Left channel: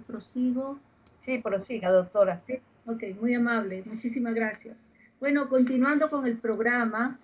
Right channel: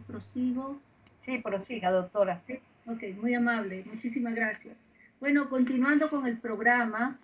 Prosigo. Sí, prosiga, doctora. Sí, ok, muy amable, muchísimas gracias. Bueno, continuando con el programa,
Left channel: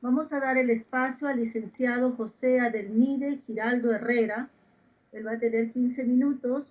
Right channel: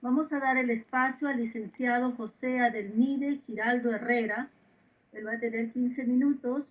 vamos a dar el espacio al licenciado José Adelmide Giraldo Herrera. Él va a tener 15 minutos.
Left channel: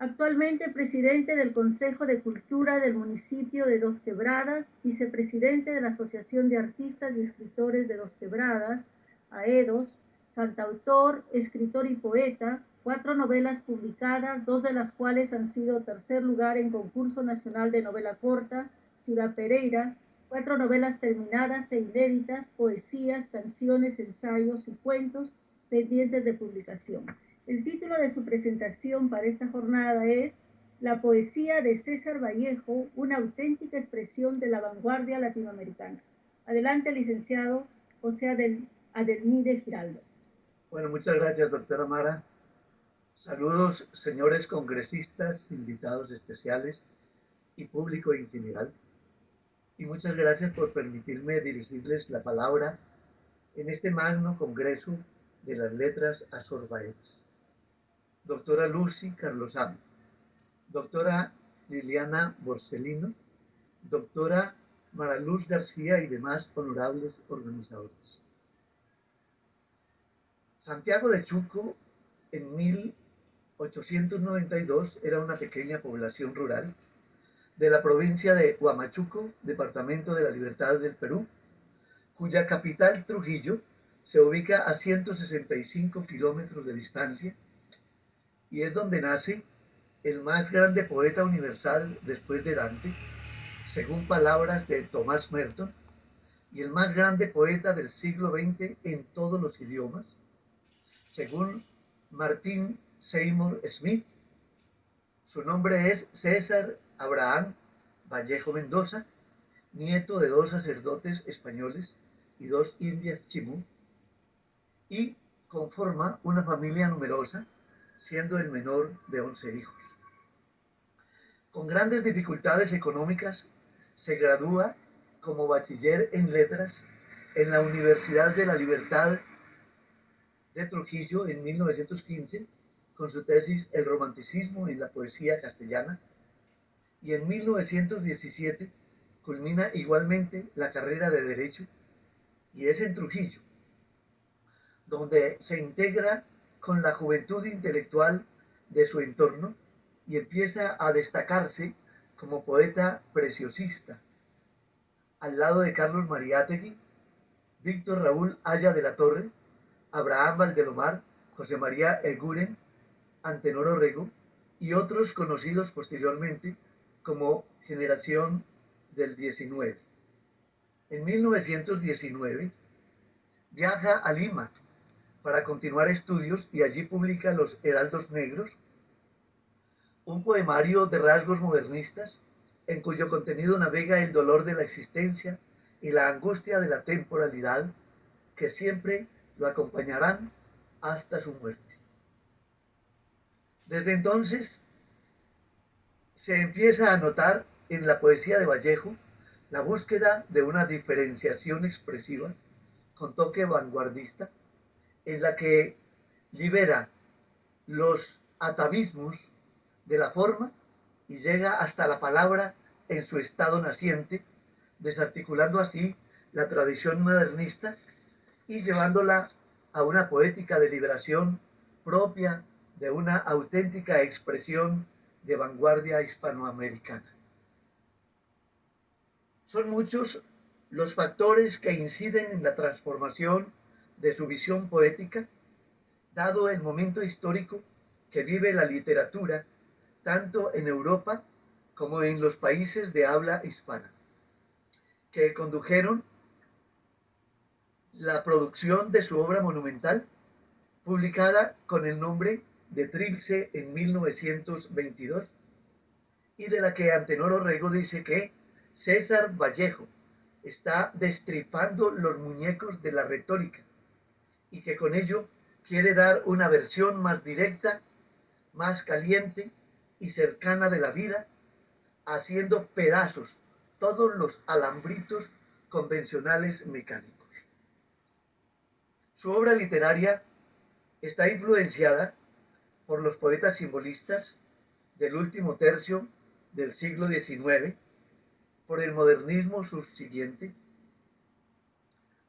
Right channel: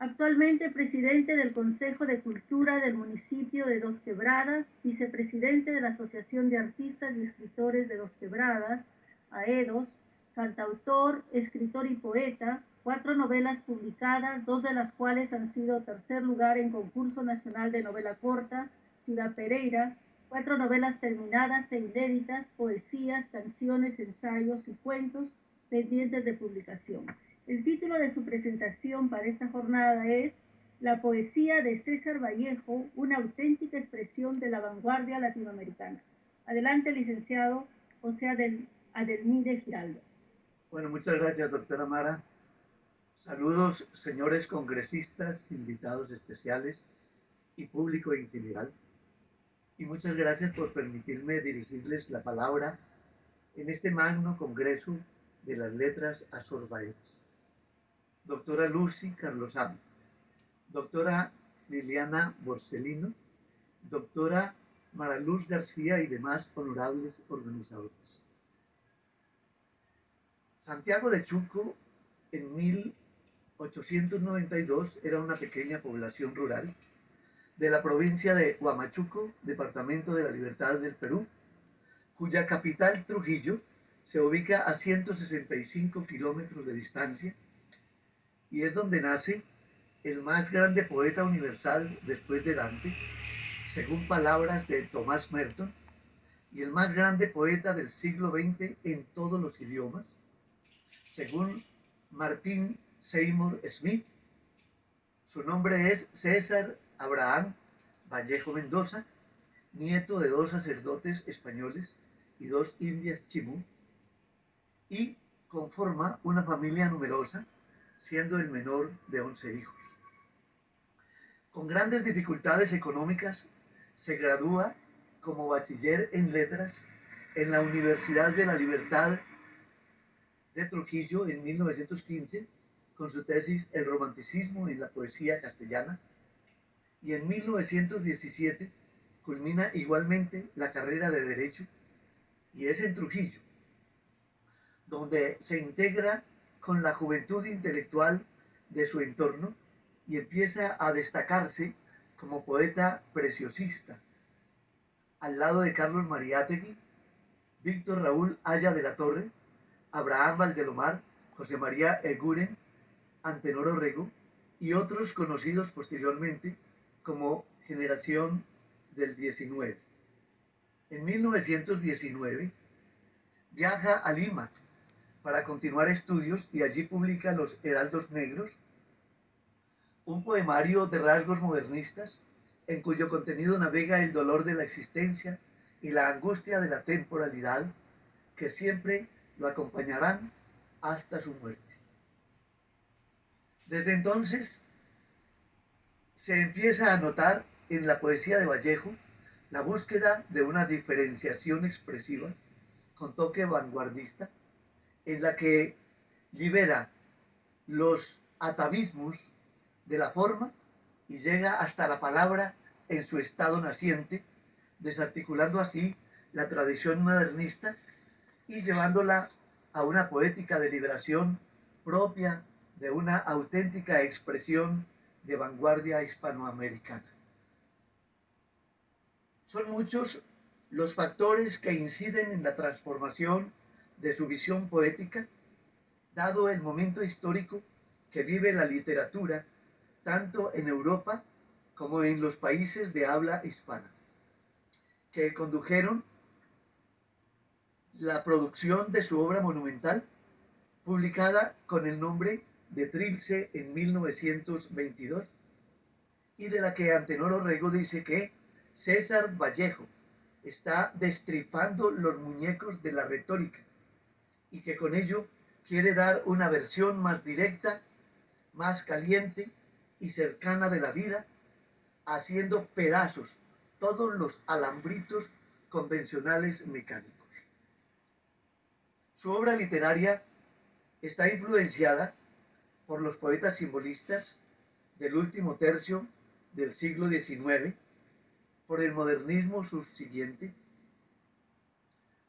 Actualmente presidente del Consejo de Cultura del municipio de Dos Quebradas, vicepresidente de la Asociación de Artistas y Escritores de Dos Quebradas, AEDOS, cantautor, escritor y poeta, 4 novelas publicadas, 2 de las cuales han sido tercer lugar en concurso nacional de novela corta, Ciudad Pereira, 4 novelas terminadas e inéditas, poesías, canciones, ensayos y cuentos pendientes de publicación. El título de su presentación para esta jornada es La poesía de César Vallejo, una auténtica expresión de la vanguardia latinoamericana. Adelante, licenciado José Adelmide Giraldo. Bueno, muchas gracias, doctora Mara. Saludos, señores congresistas, invitados especiales y público en general. Y muchas gracias por permitirme dirigirles la palabra en este magno congreso de las letras azorbaetas. Doctora Lucy Carlosami, doctora Liliana Borsellino, doctora Mara Luz García y demás honorables organizadores. Santiago de Chuco en 1892 era una pequeña población rural de la provincia de Huamachuco, departamento de la Libertad del Perú, cuya capital Trujillo se ubica a 165 kilómetros de distancia y es donde nace el más grande poeta universal después de Dante, según palabras de Thomas Merton, y el más grande poeta del siglo XX en todos los idiomas, según Martin Seymour Smith. Su nombre es César Abraham Vallejo Mendoza, nieto de 2 sacerdotes españoles y 2 indias chimú, y conforma una familia numerosa, siendo el menor de 11 hijos. Con grandes dificultades económicas, se gradúa como bachiller en letras en la Universidad de la Libertad de Trujillo en 1915, con su tesis El romanticismo en la poesía castellana, y en 1917 culmina igualmente la carrera de Derecho, y es en Trujillo, donde se integra con la juventud intelectual de su entorno y empieza a destacarse como poeta preciosista, al lado de Carlos Mariátegui, Víctor Raúl Haya de la Torre, Abraham Valdelomar, José María Eguren, Antenor Orrego y otros conocidos posteriormente como Generación del 19. En 1919 viaja a Lima para continuar estudios y allí publica Los Heraldos Negros, un poemario de rasgos modernistas en cuyo contenido navega el dolor de la existencia y la angustia de la temporalidad que siempre lo acompañarán hasta su muerte. Desde entonces se empieza a notar en la poesía de Vallejo la búsqueda de una diferenciación expresiva con toque vanguardista en la que libera los atavismos de la forma y llega hasta la palabra en su estado naciente, desarticulando así la tradición modernista y llevándola a una poética de liberación propia de una auténtica expresión de vanguardia hispanoamericana. Son muchos los factores que inciden en la transformación de su visión poética, dado el momento histórico que vive la literatura, tanto en Europa como en los países de habla hispana, que condujeron la producción de su obra monumental, publicada con el nombre de Trilce en 1922, y de la que Antenor Orrego dice que César Vallejo está destripando los muñecos de la retórica y que con ello quiere dar una versión más directa, más caliente y cercana de la vida, haciendo pedazos todos los alambritos convencionales mecánicos. Su obra literaria está influenciada por los poetas simbolistas del último tercio del siglo XIX, por el modernismo subsiguiente,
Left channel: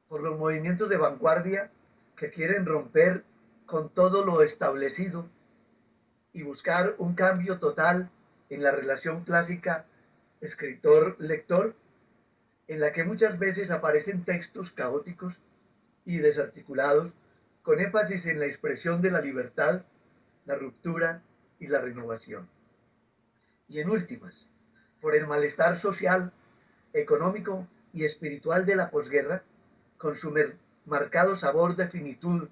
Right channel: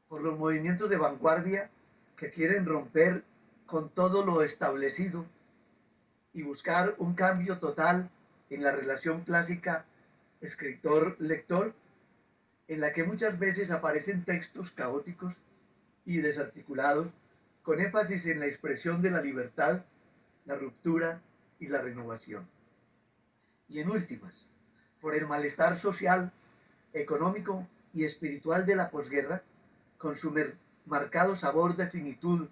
por los movimientos de vanguardia que quieren romper con todo lo establecido y buscar un cambio total en la relación clásica escritor-lector, en la que muchas veces aparecen textos caóticos y desarticulados, con énfasis en la expresión de la libertad, la ruptura y la renovación. Y en últimas, por el malestar social, económico y espiritual de la posguerra, con su marcado sabor de finitud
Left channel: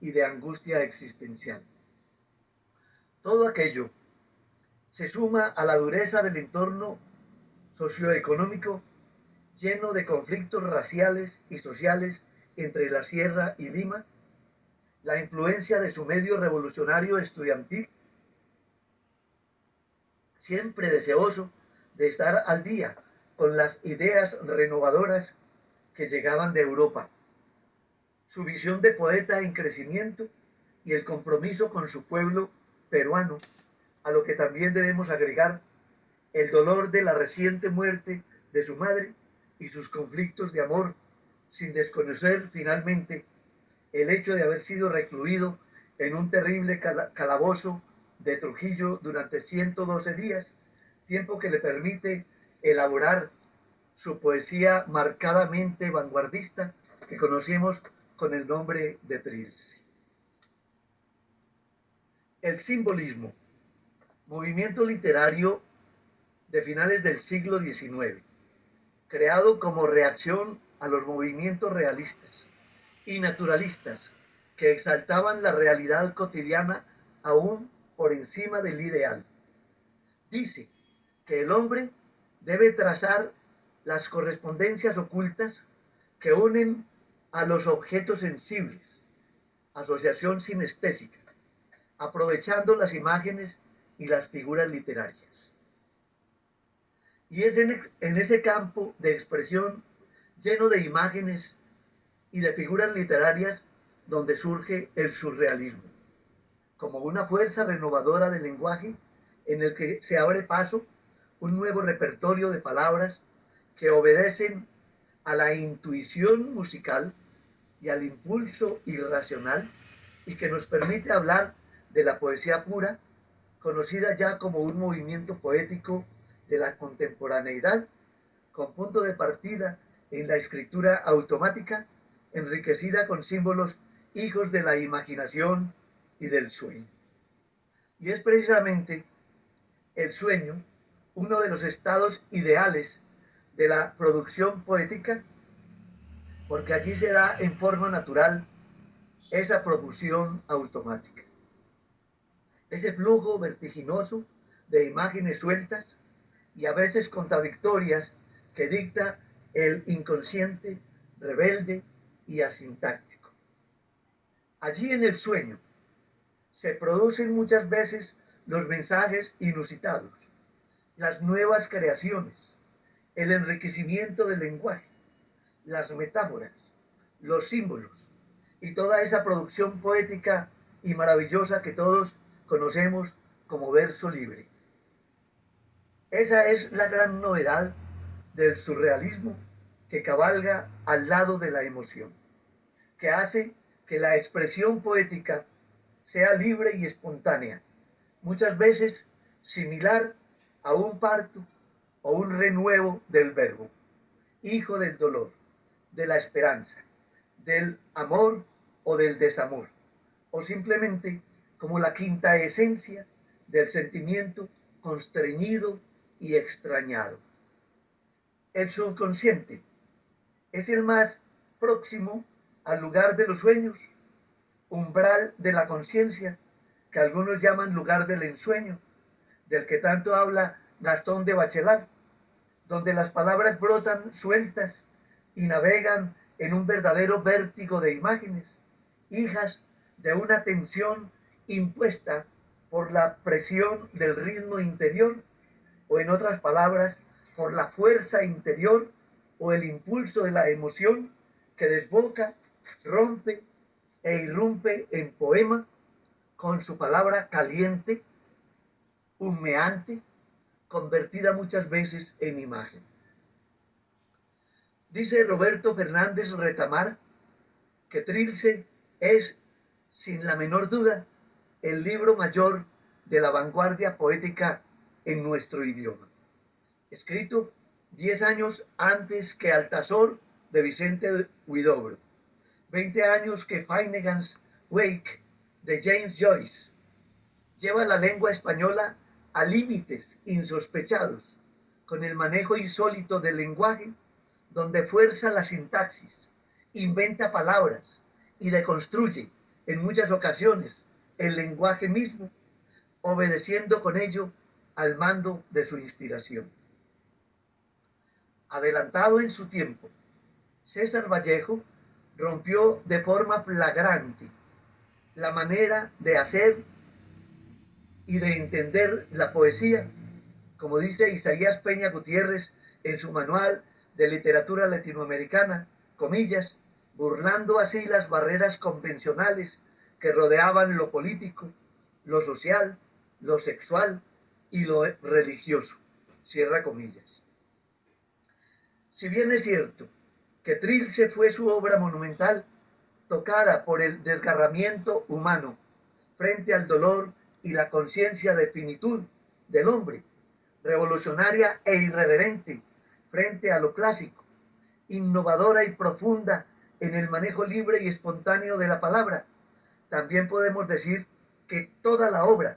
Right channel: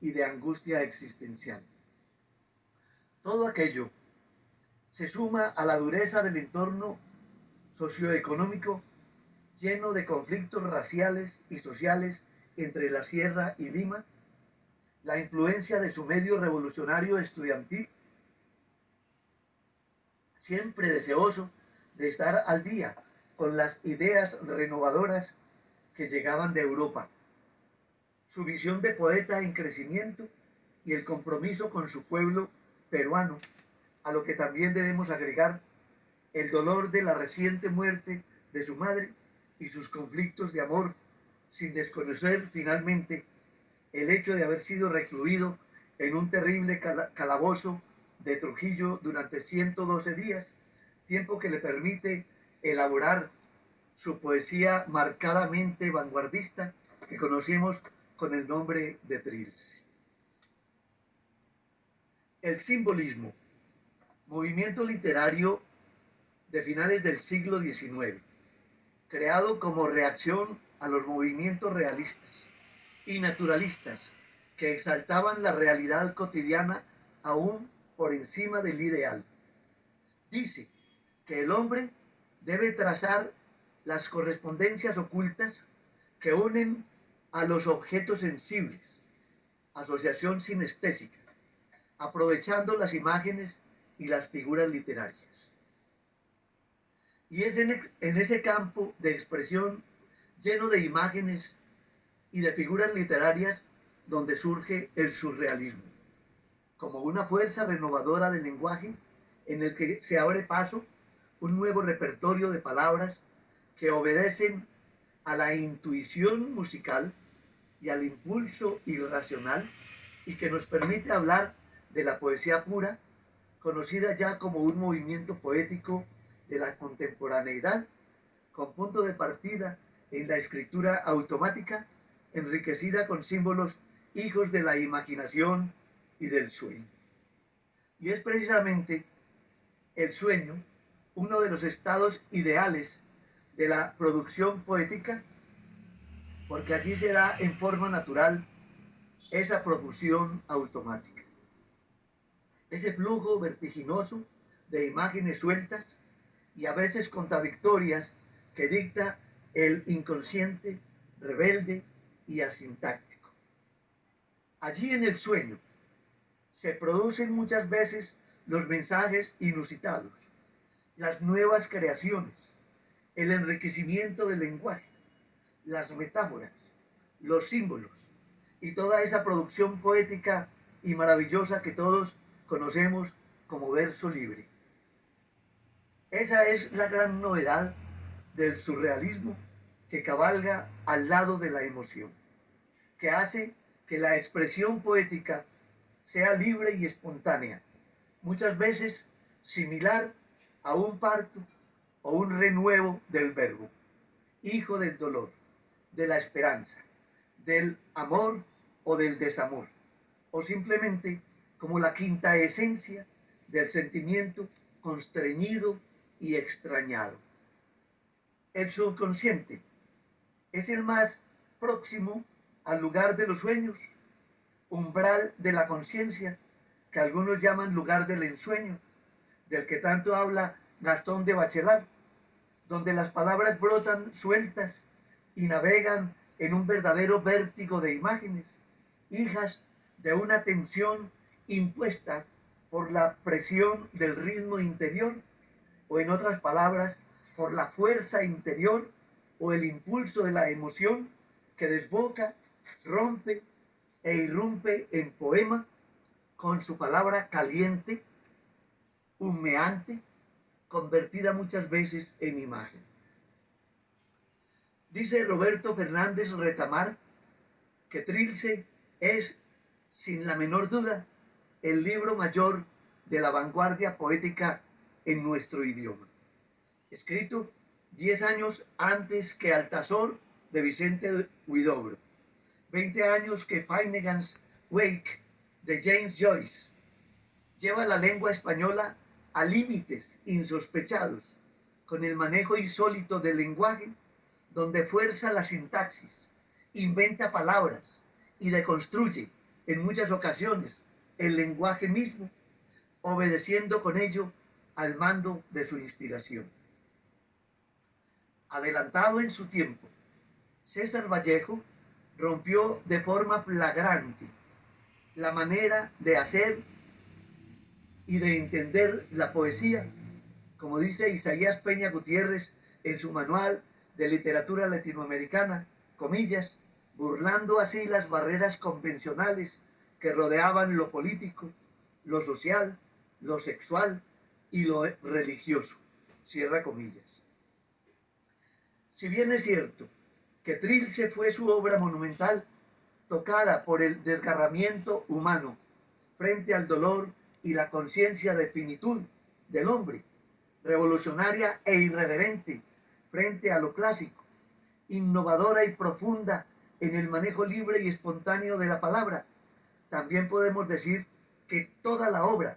y de angustia existencial. Todo aquello se suma a la dureza del entorno socioeconómico lleno de conflictos raciales y sociales entre la Sierra y Lima, la influencia de su medio revolucionario estudiantil, siempre deseoso de estar al día con las ideas renovadoras que llegaban de Europa, su visión de poeta en crecimiento y el compromiso con su pueblo peruano, a lo que también debemos agregar el dolor de la reciente muerte de su madre y sus conflictos de amor, sin desconocer finalmente el hecho de haber sido recluido en un terrible calabozo de Trujillo durante 112 días, tiempo que le permite elaborar su poesía marcadamente vanguardista que conocemos con el nombre de Trilce. El simbolismo, movimiento literario de finales del siglo XIX, creado como reacción a los movimientos realistas y naturalistas que exaltaban la realidad cotidiana aún por encima del ideal. Dice que el hombre debe trazar las correspondencias ocultas que unen a los objetos sensibles, asociación sinestésica, aprovechando las imágenes y las figuras literarias. Y es en ese campo de expresión lleno de imágenes y de figuras literarias donde surge el surrealismo, como una fuerza renovadora del lenguaje en el que se abre paso un nuevo repertorio de palabras que obedecen a la intuición musical y al impulso irracional y que nos permite hablar de la poesía pura, conocida ya como un movimiento poético de la contemporaneidad, con punto de partida en la escritura automática, enriquecida con símbolos hijos de la imaginación y del sueño. Y es precisamente el sueño uno de los estados ideales de la producción poética, porque allí se da en forma natural esa profusión automática, ese flujo vertiginoso de imágenes sueltas y a veces contradictorias que dicta el inconsciente, rebelde y asintáctico. Allí en el sueño se producen muchas veces los mensajes inusitados, las nuevas creaciones, el enriquecimiento del lenguaje, las metáforas, los símbolos y toda esa producción poética y maravillosa que todos conocemos como verso libre. Esa es la gran novedad del surrealismo que cabalga al lado de la emoción, que hace que la expresión poética sea libre y espontánea, muchas veces similar a un parto o un renuevo del verbo, hijo del dolor, de la esperanza, del amor o del desamor, o simplemente como la quinta esencia del sentimiento constreñido y extrañado. El subconsciente es el más próximo al lugar de los sueños, umbral de la conciencia, que algunos llaman lugar del ensueño, del que tanto habla Gastón de Bachelard, donde las palabras brotan sueltas y navegan en un verdadero vértigo de imágenes, hijas de una tensión impuesta por la presión del ritmo interior, o en otras palabras, por la fuerza interior o el impulso de la emoción que desboca, rompe e irrumpe en poema con su palabra caliente, humeante, convertida muchas veces en imagen. Dice Roberto Fernández Retamar que Trilce es, sin la menor duda, el libro mayor de la vanguardia poética en nuestro idioma, escrito 10 años antes que Altazor de Vicente Huidobro, 20 años que Finnegans Wake de James Joyce. Lleva la lengua española a límites insospechados, con el manejo insólito del lenguaje, donde fuerza la sintaxis, inventa palabras y deconstruye en muchas ocasiones el lenguaje mismo, obedeciendo con ello al mando de su inspiración. Adelantado en su tiempo, César Vallejo rompió de forma flagrante la manera de hacer y de entender la poesía, como dice Isaías Peña Gutiérrez en su manual de literatura latinoamericana, comillas, burlando así las barreras convencionales que rodeaban lo político, lo social, lo sexual y lo religioso, cierra comillas. Si bien es cierto que Trilce fue su obra monumental, tocada por el desgarramiento humano frente al dolor y la conciencia de finitud del hombre, revolucionaria e irreverente frente a lo clásico, innovadora y profunda en el manejo libre y espontáneo de la palabra, también podemos decir que toda la obra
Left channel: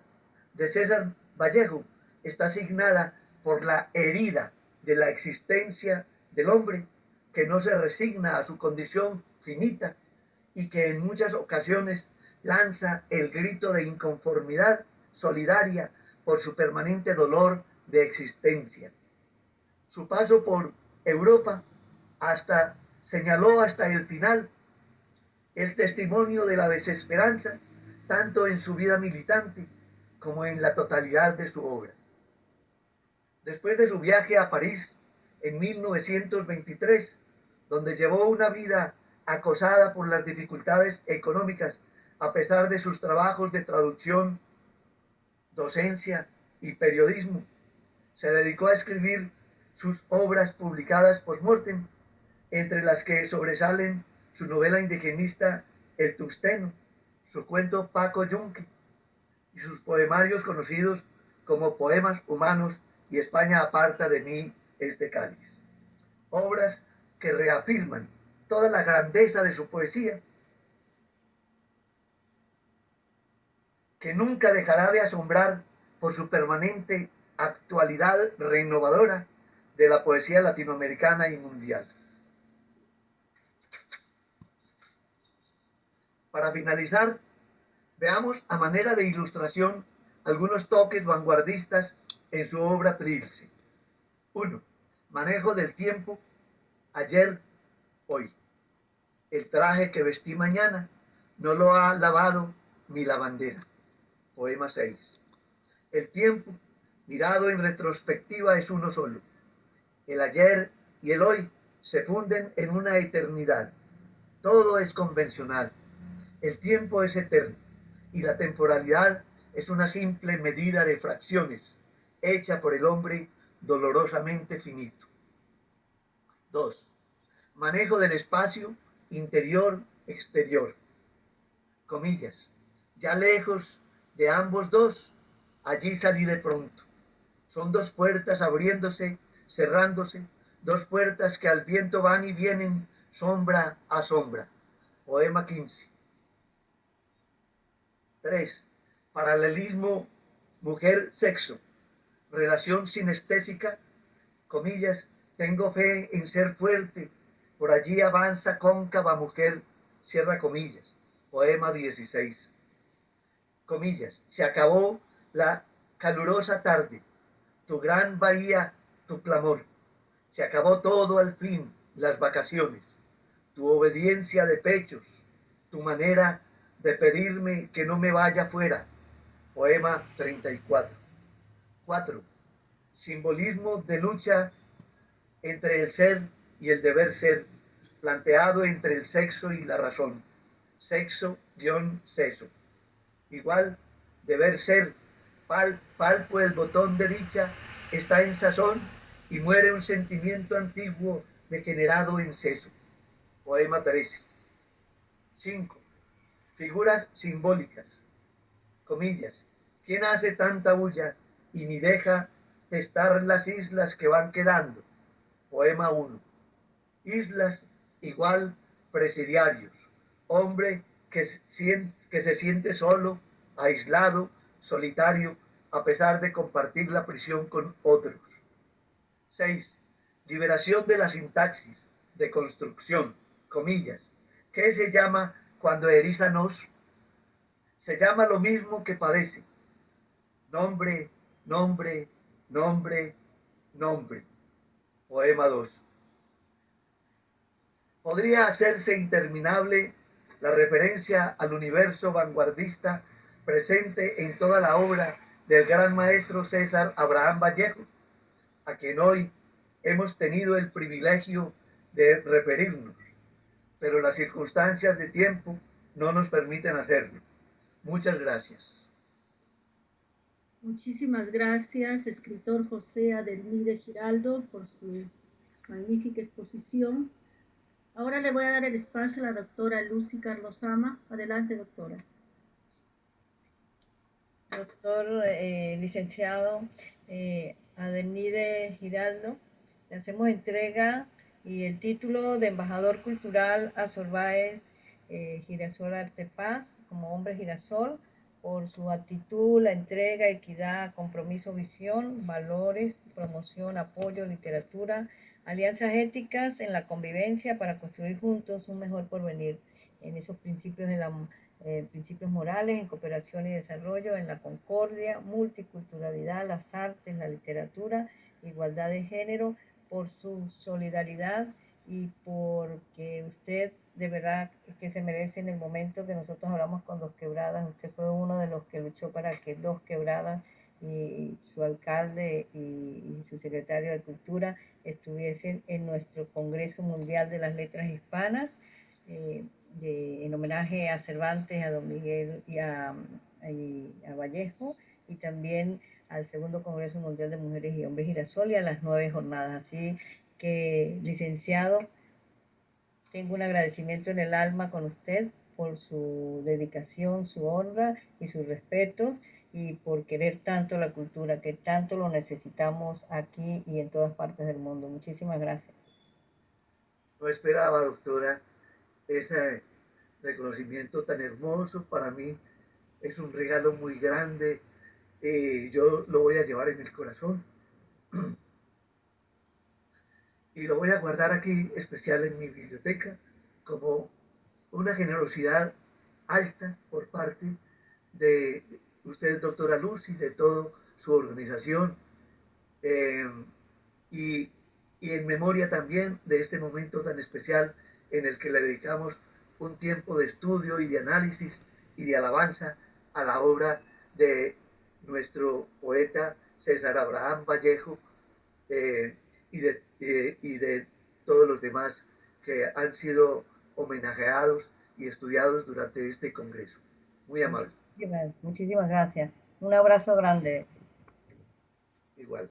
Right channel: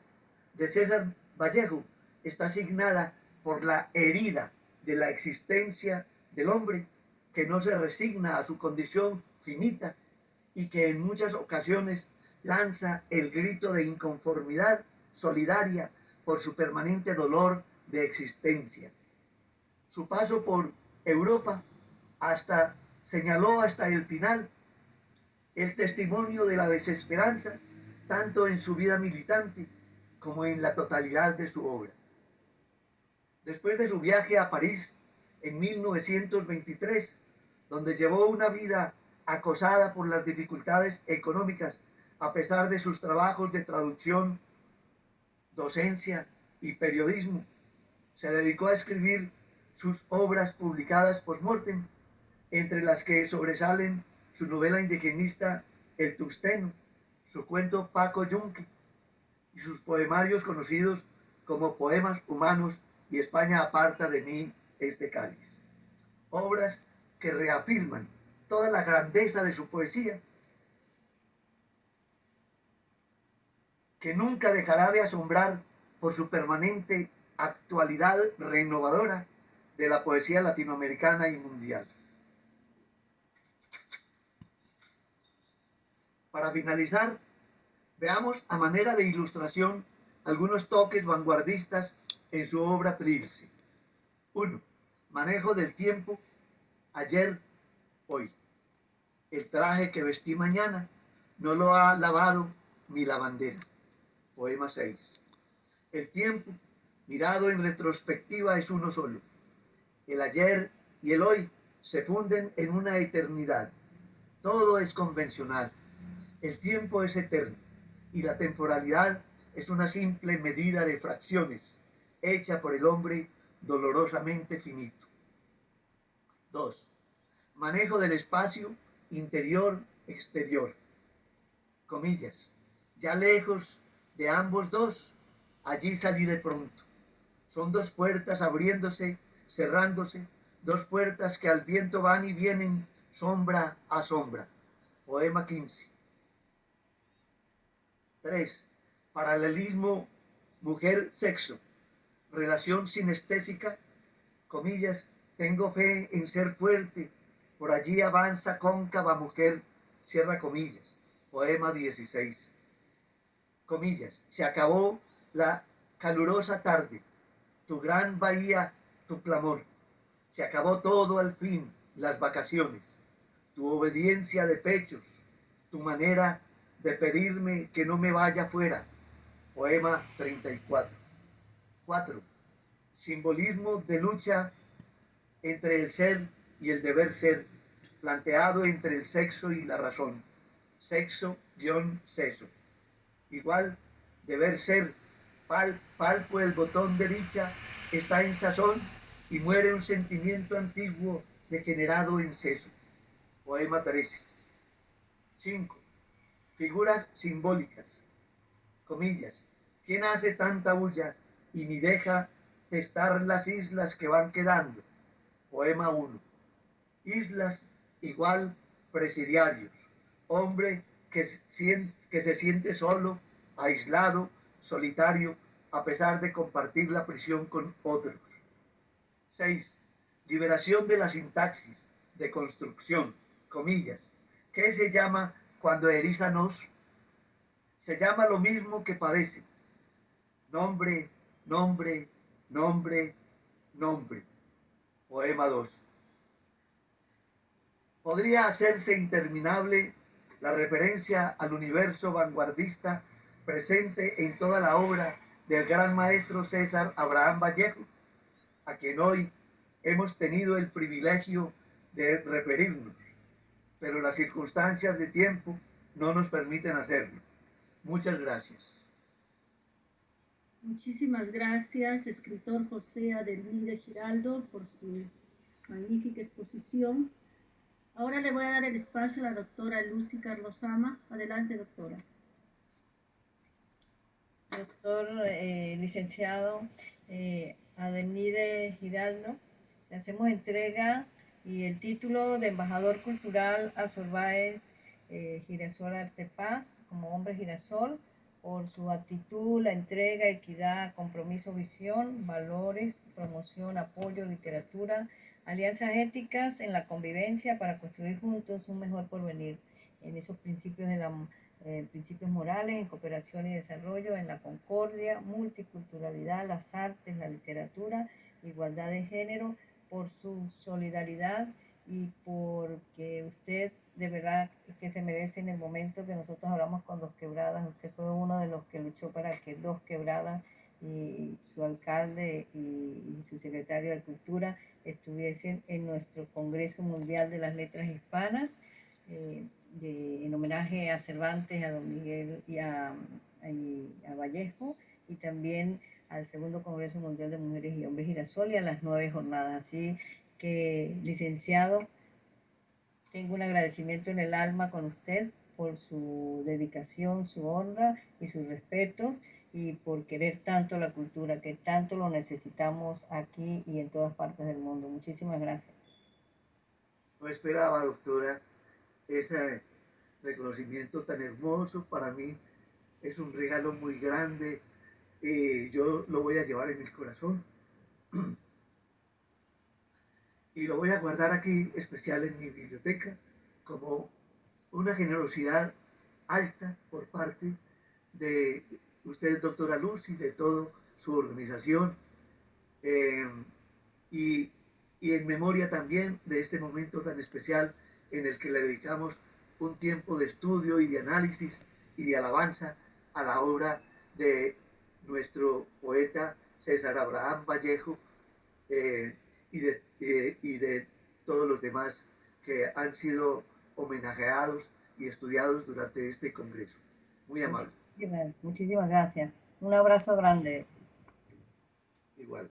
de César Vallejo está asignada por la herida de la existencia del hombre que no se resigna a su condición finita y que en muchas ocasiones lanza el grito de inconformidad solidaria por su permanente dolor de existencia. Su paso por Europa señaló hasta el final el testimonio de la desesperanza, tanto en su vida militante como en la totalidad de su obra. Después de su viaje a París en 1923, donde llevó una vida acosada por las dificultades económicas, a pesar de sus trabajos de traducción, docencia y periodismo, se dedicó a escribir sus obras publicadas post-mortem, entre las que sobresalen su novela indigenista El Tusteno, su cuento Paco Yunque y sus poemarios conocidos como Poemas Humanos y España aparta de mí este cáliz. Obras que reafirman toda la grandeza de su poesía, que nunca dejará de asombrar por su permanente actualidad renovadora de la poesía latinoamericana y mundial. Para finalizar, veamos a manera de ilustración algunos toques vanguardistas en su obra Trilce. 1. Manejo del tiempo, ayer, hoy. El traje que vestí mañana no lo ha lavado mi lavandera. Poema 6. El tiempo, mirado en retrospectiva, es uno solo. El ayer y el hoy se funden en una eternidad. Todo es convencional. El tiempo es eterno y la temporalidad es una simple medida de fracciones hecha por el hombre dolorosamente finito. 2. Manejo del espacio interior-exterior. Comillas. Ya lejos de ambos dos, allí salí de pronto. Son dos puertas abriéndose, cerrándose, dos puertas que al viento van y vienen, sombra a sombra. Poema 15. 3. Paralelismo mujer-sexo. Relación sinestésica, comillas, tengo fe en ser fuerte, por allí avanza cóncava mujer, cierra comillas. Poema 16. Comillas, se acabó la calurosa tarde, tu gran bahía, tu clamor. Se acabó todo al fin, las vacaciones, tu obediencia de pechos, tu manera de pedirme que no me vaya fuera. Poema 34. 4. Simbolismo de lucha entre el ser y el deber ser, planteado entre el sexo y la razón. Sexo-seso. Igual, deber ser, palpo el botón de dicha, está en sazón y muere un sentimiento antiguo degenerado en seso. Poema 13. 5. Figuras simbólicas. Comillas. ¿Quién hace tanta bulla y ni deja testar las islas que van quedando? Poema 1. Islas igual presidiarios. Hombre que se siente solo, aislado, solitario, a pesar de compartir la prisión con otros. 6. Liberación de la sintaxis, de construcción, comillas. ¿Qué se llama cuando eriza nos? Se llama lo mismo que padece. Nombre, nombre, nombre, nombre. Poema 2. Podría hacerse interminable la referencia al universo vanguardista presente en toda la obra del gran maestro César Abraham Vallejo, a quien hoy hemos tenido el privilegio de referirnos, pero las circunstancias de tiempo no nos permiten hacerlo. Muchas gracias. Muchísimas gracias, escritor José Adelmide Giraldo, por su magnífica exposición. Ahora le voy a dar el espacio a la doctora Lucy Carlosama. Adelante, doctora. Doctor licenciado Adelmide Giraldo, le hacemos entrega y el título de embajador cultural a Sorbáez Girasol Artepaz como hombre girasol, por su actitud, la entrega, equidad, compromiso, visión, valores, promoción, apoyo, literatura, alianzas éticas en la convivencia para construir juntos un mejor porvenir en esos principios de la principios morales, en cooperación y desarrollo, en la concordia, multiculturalidad, las artes, la literatura, igualdad de género, por su solidaridad y porque usted de verdad que se merece en el momento que nosotros hablamos con Dos Quebradas. Usted fue uno de los que luchó para que Dos Quebradas y su alcalde y su secretario de Cultura estuviesen en nuestro Congreso Mundial de las Letras Hispanas. En homenaje a Cervantes, a Don Miguel y a Vallejo, y también al segundo Congreso Mundial de Mujeres y Hombres Girasol y a las 9 jornadas. Así que, licenciado, tengo un agradecimiento en el alma con usted por su dedicación, su honra y sus respetos, y por querer tanto la cultura, que tanto lo necesitamos aquí y en todas partes del mundo. Muchísimas gracias. No esperaba, doctora, ese reconocimiento tan hermoso. Para mí es un regalo muy grande. Yo lo voy a llevar en el corazón y lo voy a guardar aquí especial en mi biblioteca como una generosidad alta por parte de usted, doctora Luz, y de toda su organización, eh, y, y en memoria también de este momento tan especial en el que le dedicamos un tiempo de estudio y de análisis y de alabanza a la obra de nuestro poeta César Abraham Vallejo, y de todos los demás que han sido homenajeados y estudiados durante este congreso. Muy amable. Muchísimas gracias. Un abrazo grande. Igual.